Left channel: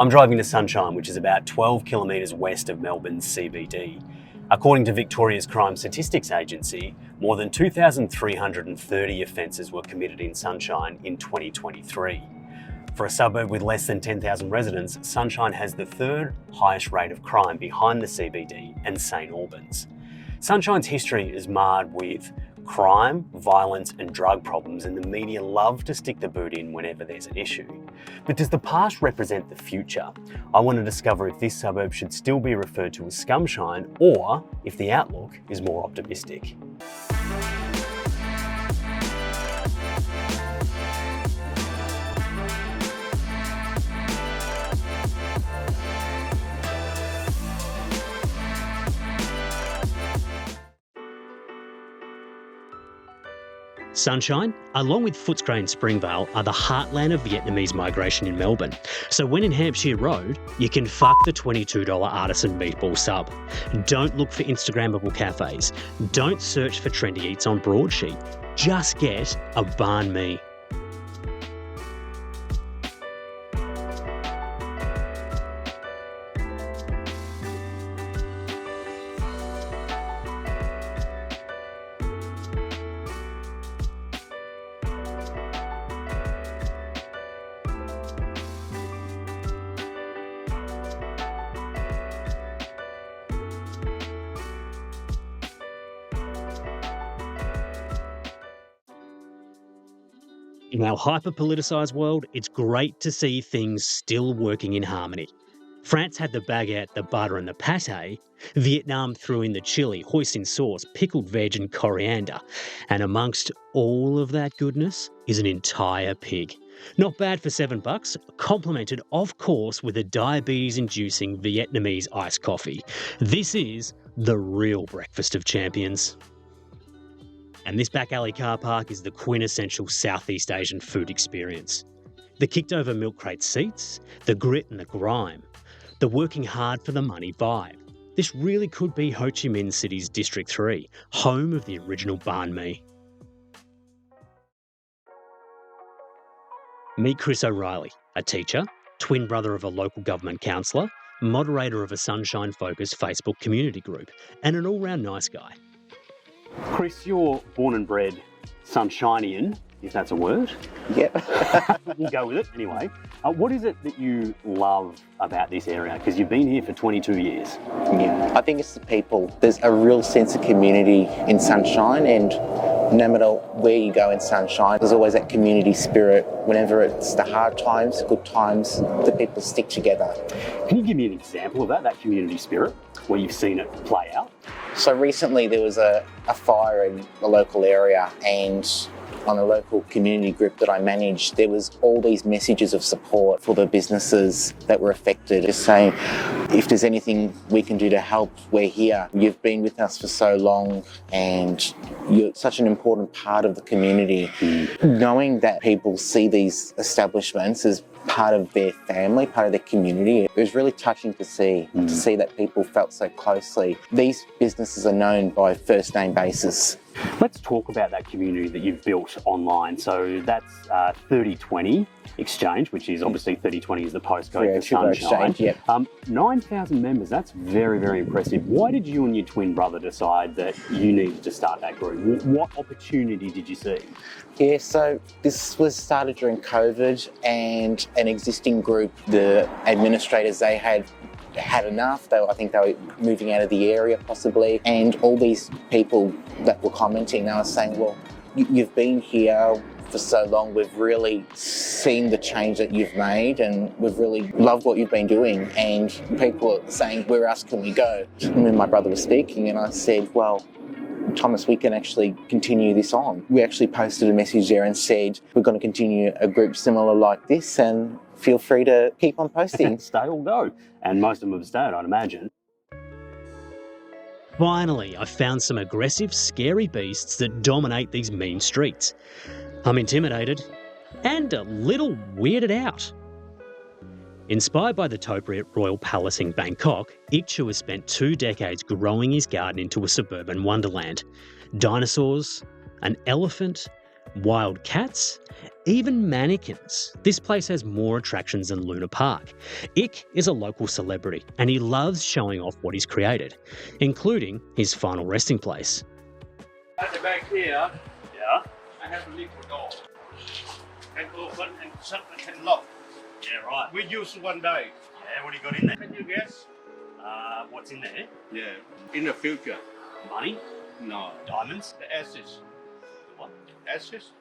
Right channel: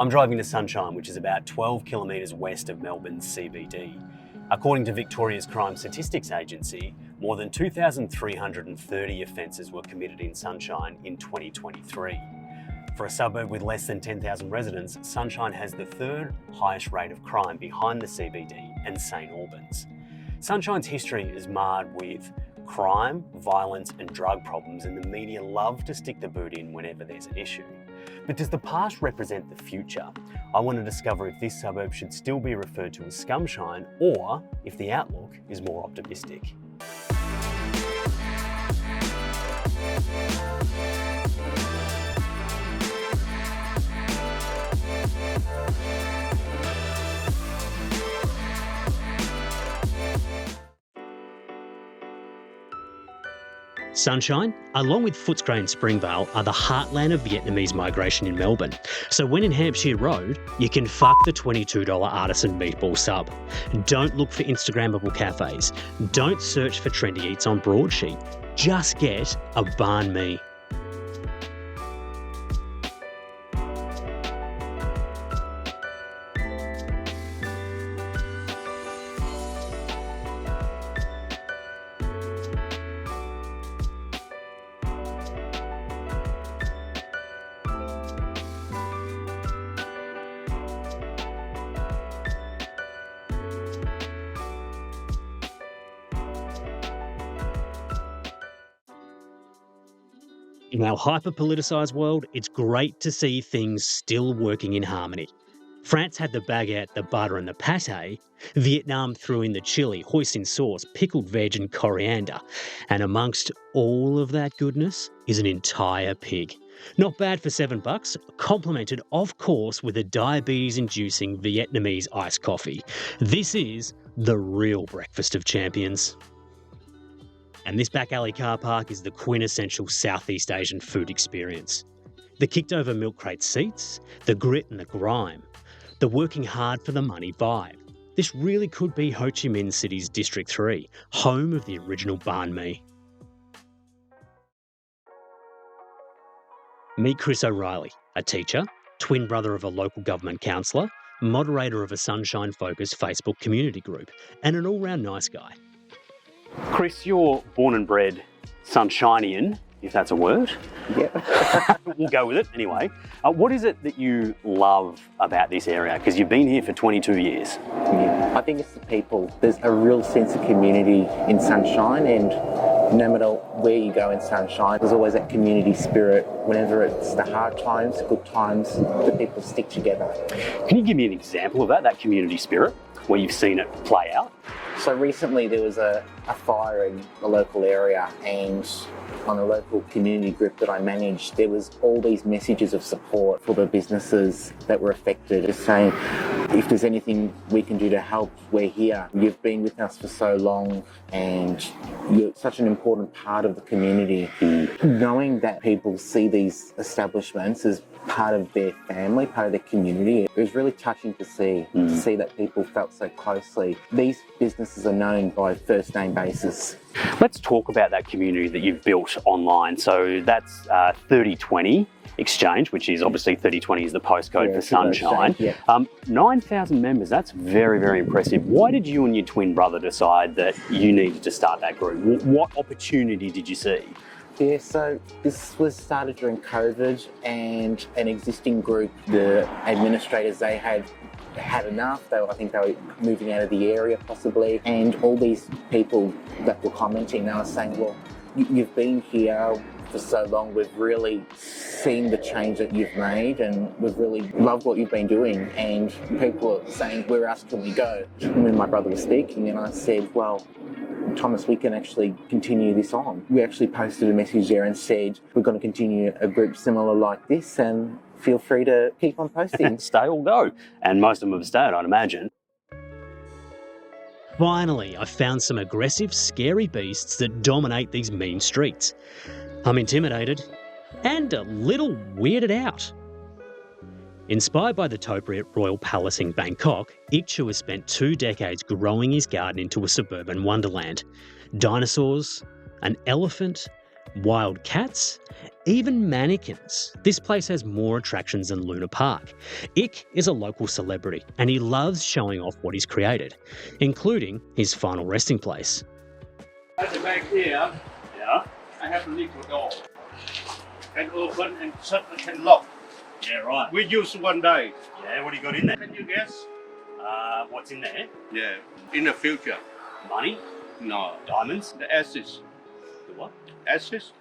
I'm driving to Sunshine, which is about 12 kilometres west of Melbourne's CBD. According to Victoria's Crime Statistics Agency, more than 2,330 offences were committed in Sunshine in 2023. For a suburb with less than 10,000 residents, Sunshine has the third highest rate of crime behind the CBD and St Albans. Sunshine's history is marred with crime, violence and drug problems, and the media love to stick the boot in whenever there's an issue. But does the past represent the future? I want to discover if this suburb should still be referred to as Scumshine or if the outlook is more optimistic. Sunshine, along with Footscray and Springvale, are the heartland of Vietnamese migration in Melbourne. So when in Hampshire Road, you can fuck the $22 artisan meatball sub. Don't look for Instagrammable cafes. Don't search for trendy eats on Broadsheet. Just get a banh mi. In our hyper-politicised world, it's great to see things still working in harmony. France had the baguette, the butter and the pâté. Vietnam threw in the chilli, hoisin sauce, pickled veg and coriander. And amongst all of that goodness is an entire pig. Not bad for $7, complemented, of course, with a diabetes-inducing Vietnamese iced coffee. This is the real breakfast of champions. And this back alley car park is the quintessential Southeast Asian food experience. The kicked over milk crate seats, the grit and the grime, the working hard for the money vibe. This really could be Ho Chi Minh City's District 3, home of the original banh mi. Meet Chris O'Reilly, a teacher, twin brother of a local government councillor, moderator of a Sunshine-focused Facebook community group, and an all-round nice guy. Chris, you're born and bred Sunshinian, if that's a word. Yeah. We'll go with it anyway. What is it that you love about this area? Because you've been here for 22 years. I think it's the people. There's a real sense of community in Sunshine, and no matter where you go in Sunshine, there's always that community spirit. Whenever it's the hard times, good times, the people stick together. Can you give me an example of that community spirit, where you've seen it play out? So recently there was a fire in the local area, and on a local community group that I managed, there was all these messages of support for the businesses that were affected. Just saying, if there's anything we can do to help, we're here. You've been with us for so long and you're such an important part of the community. Knowing that people see these establishments as part of their family, part of their community, it was really touching to see that people felt so closely. These businesses are known by first name basis. Let's talk about that community that you've built online. So that's 3020 Exchange, which is obviously 3020 is the postcode for Sunshine. Exchange, yep. 9,000 members, that's very, very impressive. Why did you and your twin brother decide that you needed to start that group? What opportunity did you see? Yeah, so this was started during COVID, and an existing group, the administrators, they had enough. I think they were moving out of the area possibly, and all these people that were commenting, they were saying, well, you've been here for so long, we've really seen the change that you've made and we've really loved what you've been doing, and people are saying, where else can we go? And then my brother was speaking and I said, well, Thomas, we can actually continue this on. We actually posted a message there and said, we're going to continue a group similar like this, and feel free to keep on posting. Stay or go. And most of them have stayed, I'd imagine. Finally, I found some aggressive, scary beasts that dominate these mean streets. I'm intimidated and a little weirded out. Inspired by the topiary at Royal Palace in Bangkok, Ik Chu has spent 2 decades growing his garden into a suburban wonderland. Dinosaurs, an elephant, wild cats, even mannequins. This place has more attractions than Luna Park. Ick is a local celebrity and he loves showing off what he's created, including his final resting place. At the back here, I have a little door. Can open and shut and can lock. Yeah, right. We use one day. Yeah, what do you got in there? Can you guess? What's in there? Yeah. In the future. Money? No. Diamonds? The ashes. The what? Ashes.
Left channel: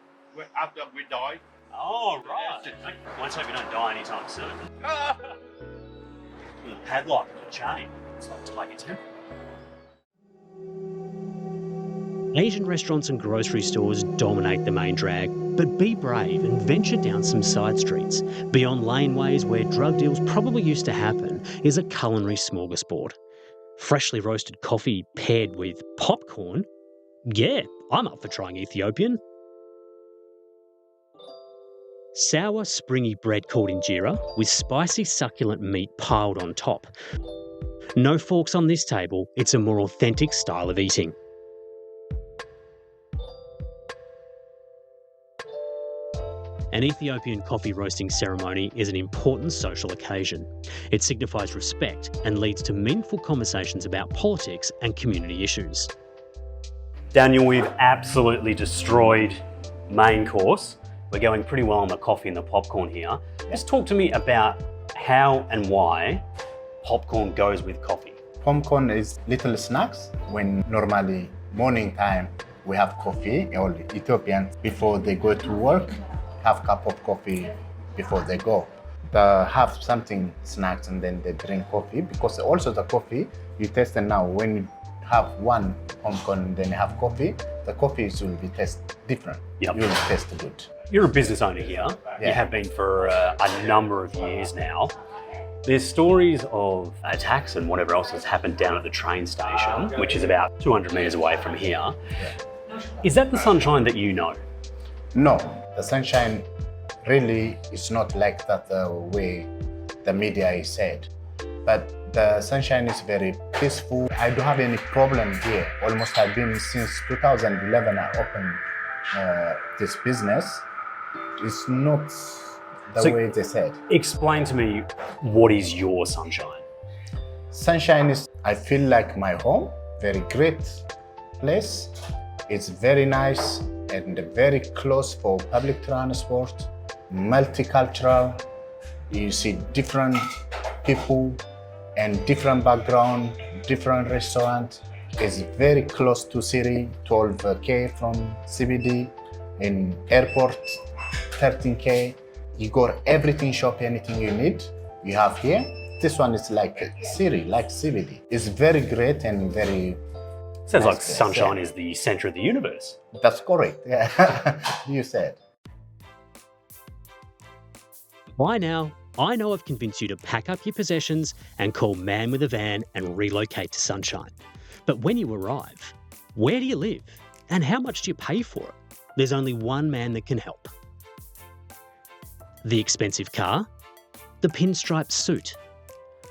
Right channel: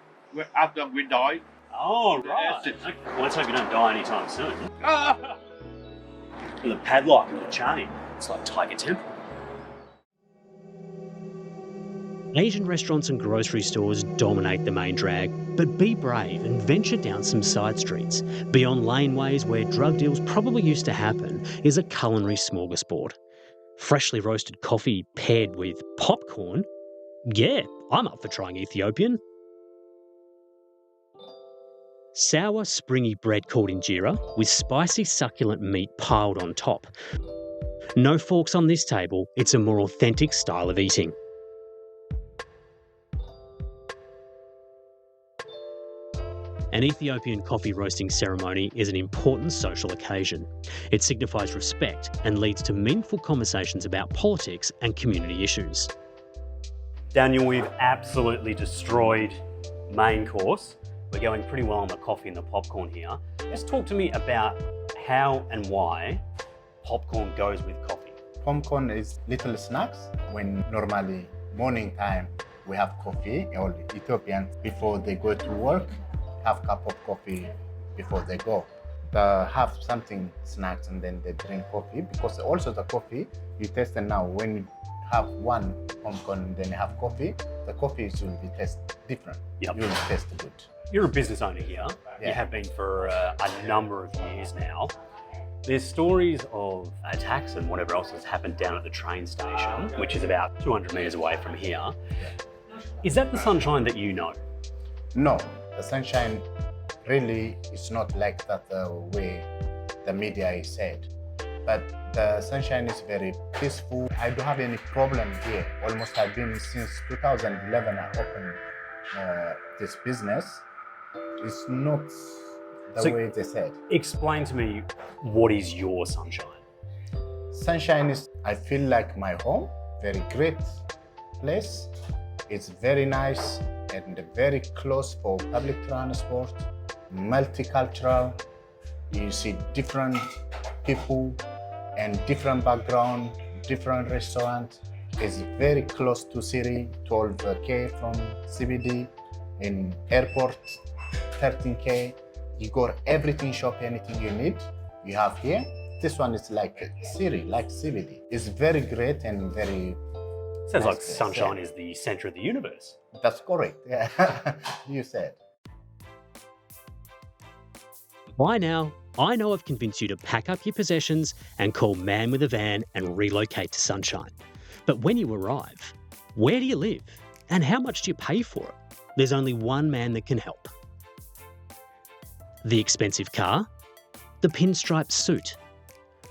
After we die. Oh, right. Ashes. Okay. Well, let's hope you don't die anytime soon. Ah! With a padlock and a chain. It's like Tiger Temple. Asian restaurants and grocery stores dominate the main drag, but be brave and venture down some side streets. Beyond laneways where drug deals probably used to happen is a culinary smorgasbord. Freshly roasted coffee paired with popcorn? Yeah, I'm up for trying Ethiopian. Sour, springy bread called injera with spicy succulent meat piled on top. No forks on this table, it's a more authentic style of eating. An Ethiopian coffee roasting ceremony is an important social occasion. It signifies respect and leads to meaningful conversations about politics and community issues. Daniel, we've absolutely destroyed main course. We're going pretty well on the coffee and the popcorn here. Just talk to me about how and why popcorn goes with coffee. Popcorn is little snacks. When normally morning time we have coffee, all Ethiopians before they go to work have a cup of coffee before they go. They have something snacks and then they drink coffee, because also the coffee you taste it now. When you have one popcorn and then you have coffee, the coffee will be taste different. Yep. You will taste good. You're a business owner here. Yeah. You have been for a number of years now. There's stories of attacks and whatever else has happened down at the train station, which is about 200 metres away from here. Yeah. Is that the Sunshine that you know? No, the Sunshine really is not like that the way the media is said. But the Sunshine is very peaceful. I don't have any problem here. Almost I've been since 2011 I opened this business. It's not the way they said. Explain to me, what is your Sunshine? Sunshine is, I feel like my home, very great place. It's very nice and very close for public transport, multicultural. You see different people and different background, different restaurant. It's very close to city, 12K from CBD, in airport, 13K. You got everything shop, anything you need, you have here. This one is like city, like CBD. It's very great and very Sounds nice like Sunshine is the centre of the universe. That's correct, yeah. You said. By now, I know I've convinced you to pack up your possessions and call Man with a Van and relocate to Sunshine. But when you arrive, where do you live? And how much do you pay for it? There's only one man that can help. The expensive car? The pinstripe suit?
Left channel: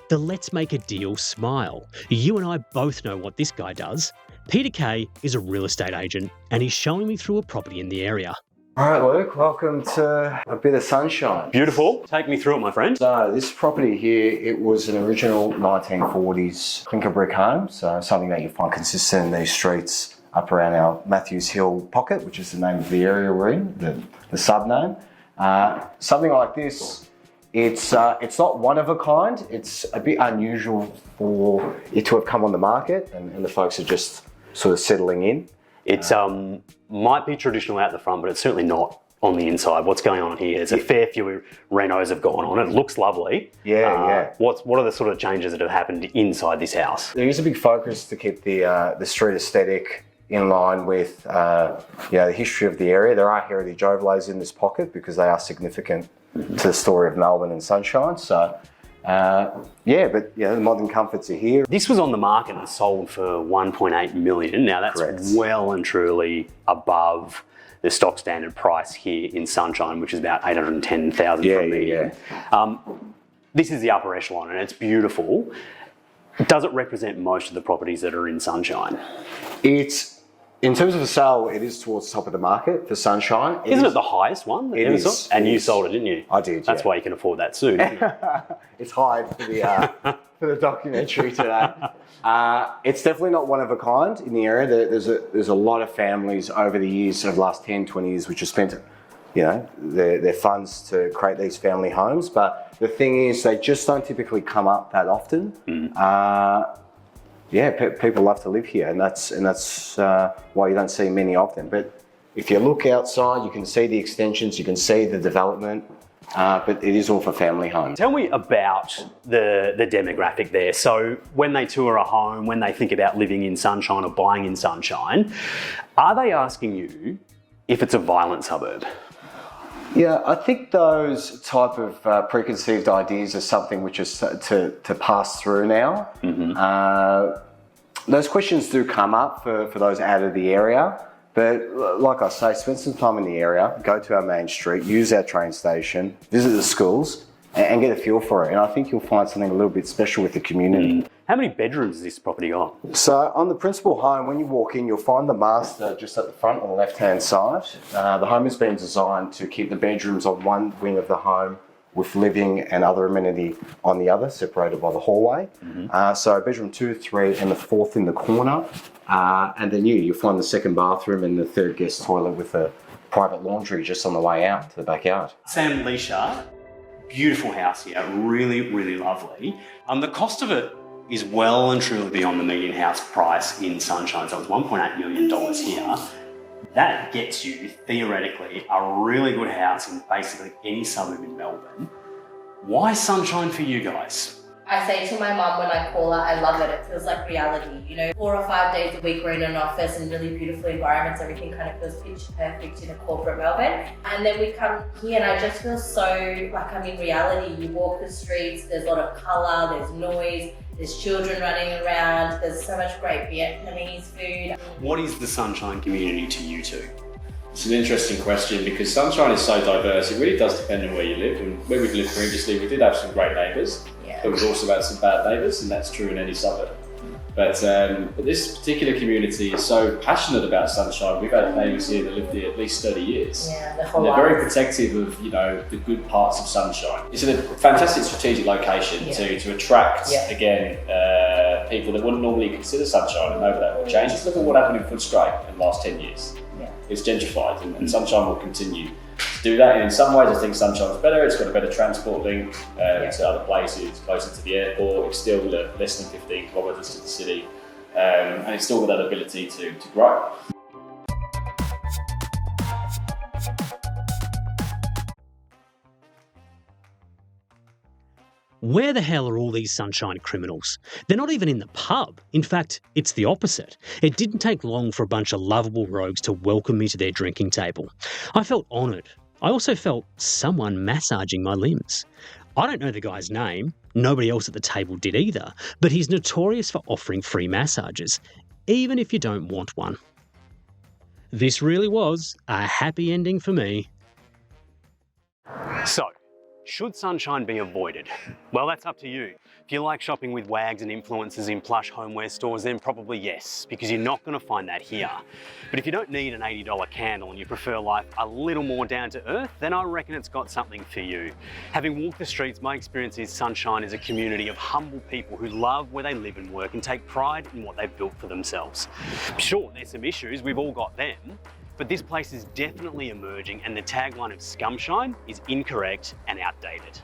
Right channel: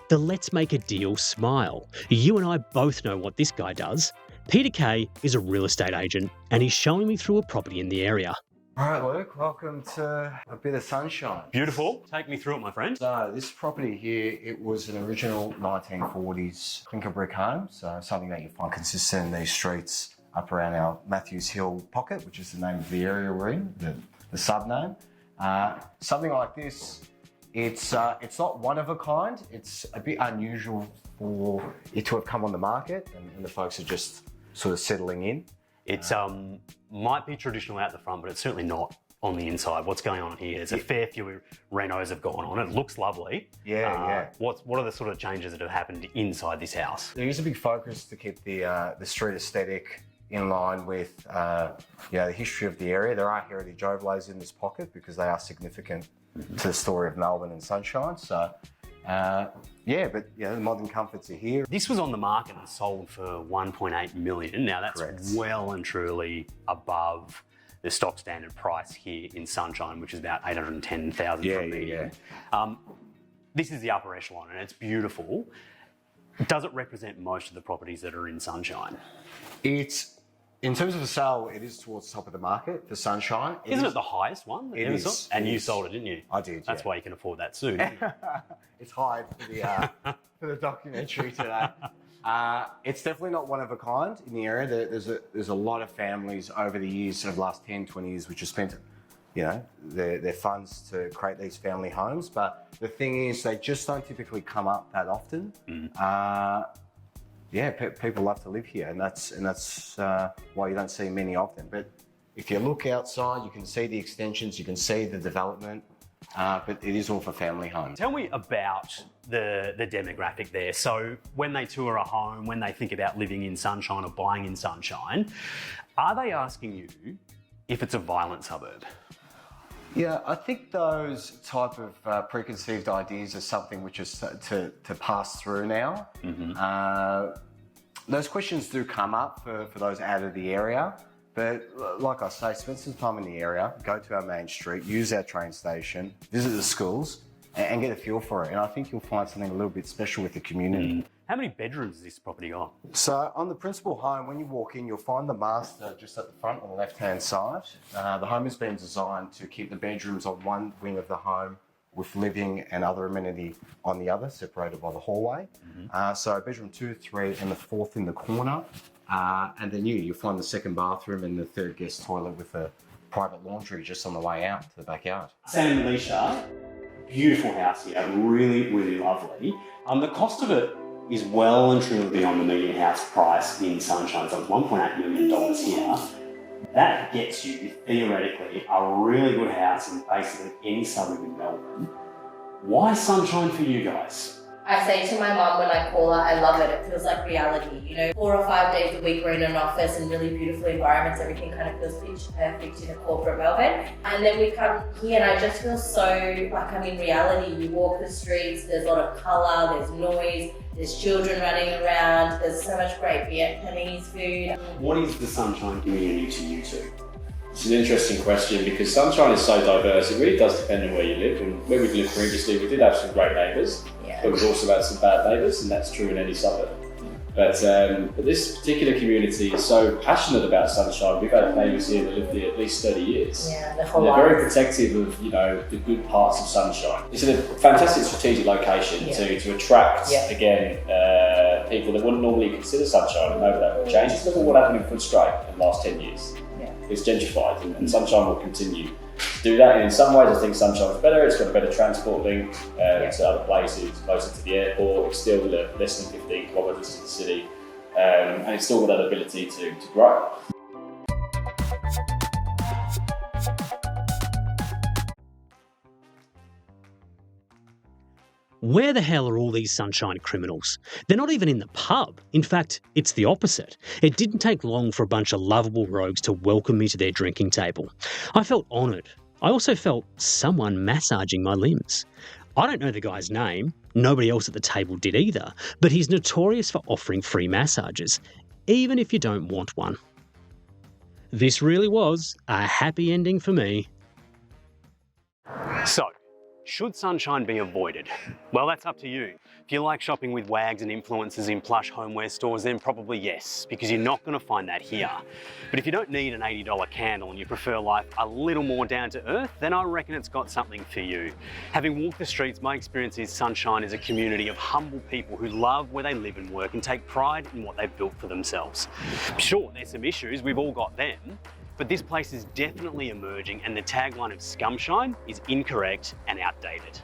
The let's make a deal smile. You and I both know what this guy does. Peter Kay is a real estate agent and he's showing me through a property in the area. All right, Luke, welcome to a bit of sunshine. Beautiful. Take me through it, my friend. So this property here, it was an original 1940s clinker brick home, so something that you find consistent in these streets up around our Matthews Hill pocket, which is the name of the area we're in, the sub-name. Something like this, it's not one of a kind. It's a bit unusual for it to have come on the market, and the folks are just sort of settling in. It might be traditional out the front, but it's certainly not on the inside. What's going on here? There's a fair few renos have gone on. It looks lovely. Yeah. What are the sort of changes that have happened inside this house? There is a big focus to keep the street aesthetic in line with the history of the area. There are heritage overlays in this pocket because they are significant to the story of Melbourne and Sunshine. So, the modern comforts are here. This was on the market and sold for 1.8 million. Now that's Correct. well and truly above the stock standard price here in Sunshine, which is about 810,000 for a median. This is the upper echelon and it's beautiful. Does it represent most of the properties that are in Sunshine? It's In terms of a sale, it is towards the top of the market for Sunshine. Isn't it the highest one that It you ever is, saw? And it you is. sold it, didn't you? I did, That's yeah. why you can afford that suit. It's high for the for the documentary today. It's definitely not one of a kind in the area. There's a lot of families over the years, over the last 10, 20 years, which have spent, you know, their funds to create these family homes. But the thing is, they just don't typically come up that often. People love to live here, and that's why you don't see many of them. But if you look outside, you can see the extensions, you can see the development. But it is all for family homes. Tell me about the demographic there. So when they tour a home, when they think about living in Sunshine or buying in Sunshine, are they asking you if it's a violent suburb? Yeah, I think those type of preconceived ideas are something which is to pass through now. Those questions do come up for those out of the area. But like I say, spend some time in the area, go to our main street, use our train station, visit the schools and get a feel for it. And I think you'll find something a little bit special with the community. How many bedrooms is this property got? So on the principal home, when you walk in, you'll find the master just at the front on the left-hand side. The home has been designed to keep the bedrooms on one wing of the home with living and other amenity on the other, separated by the hallway. So bedroom 2, 3 and the 4th in the corner. And then you'll find the second bathroom and the third guest toilet with a private laundry just on the way out to the backyard. Sam and Leisha, beautiful house here, really, really lovely. The cost of it is well and truly beyond the median house price in Sunshine. So it's $1.8 million here. That gets you, theoretically, a really good house in basically any suburb in Melbourne. Why Sunshine for you guys? I say to my mum when I call her, I love it. It feels like reality. You know, 4 or 5 days a week we're in an office in really beautiful environments. Everything kind of feels pitch perfect in a corporate Melbourne. And then we come here and I just feel so like I'm in reality. You walk the streets, there's a lot of colour, there's noise, there's children running around, there's so much great Vietnamese food. What is the Sunshine community to you two? It's an interesting question because Sunshine is so diverse. It really does depend on where you live. And where we've lived previously, we did have some great neighbours, but we've also had some bad neighbours, and that's true in any suburb. But this particular community is so passionate about Sunshine. We've had neighbours here that lived here at least 30 years. Yeah, the And whole they're life. very protective of, you know, the good parts of Sunshine. It's in a fantastic strategic location to attract, again, people that wouldn't normally consider Sunshine, and over that will change. Just look at what happened in Footscray in the last 10 years. It's gentrified, and Sunshine will continue to do that. And in some ways, I think Sunshine's better. It's got a better transport link to other places, closer to the airport. It's still less than 15 kilometres to the city, and it's still got that ability to grow. Where the hell are all these Sunshine criminals? They're not even in the pub. In fact, it's the opposite. It didn't take long for a bunch of lovable rogues to welcome me to their drinking table. I felt honoured. I also felt someone massaging my limbs. I don't know the guy's name. Nobody else at the table did either. But he's notorious for offering free massages, even if you don't want one. This really was a happy ending for me. So, should Sunshine be avoided? Well, that's up to you. If you like shopping with wags and influencers in plush homeware stores, then probably yes, because you're not going to find that here. But if you don't need an $80 candle and you prefer life a little more down to earth, then I reckon it's got something for you. Having walked the streets, my experience is Sunshine is a community of humble people who love where they live and work and take pride in what they've built for themselves. Sure, there's some issues, we've all got them, but this place is definitely emerging, and the tagline of Scumshine is incorrect and outdated.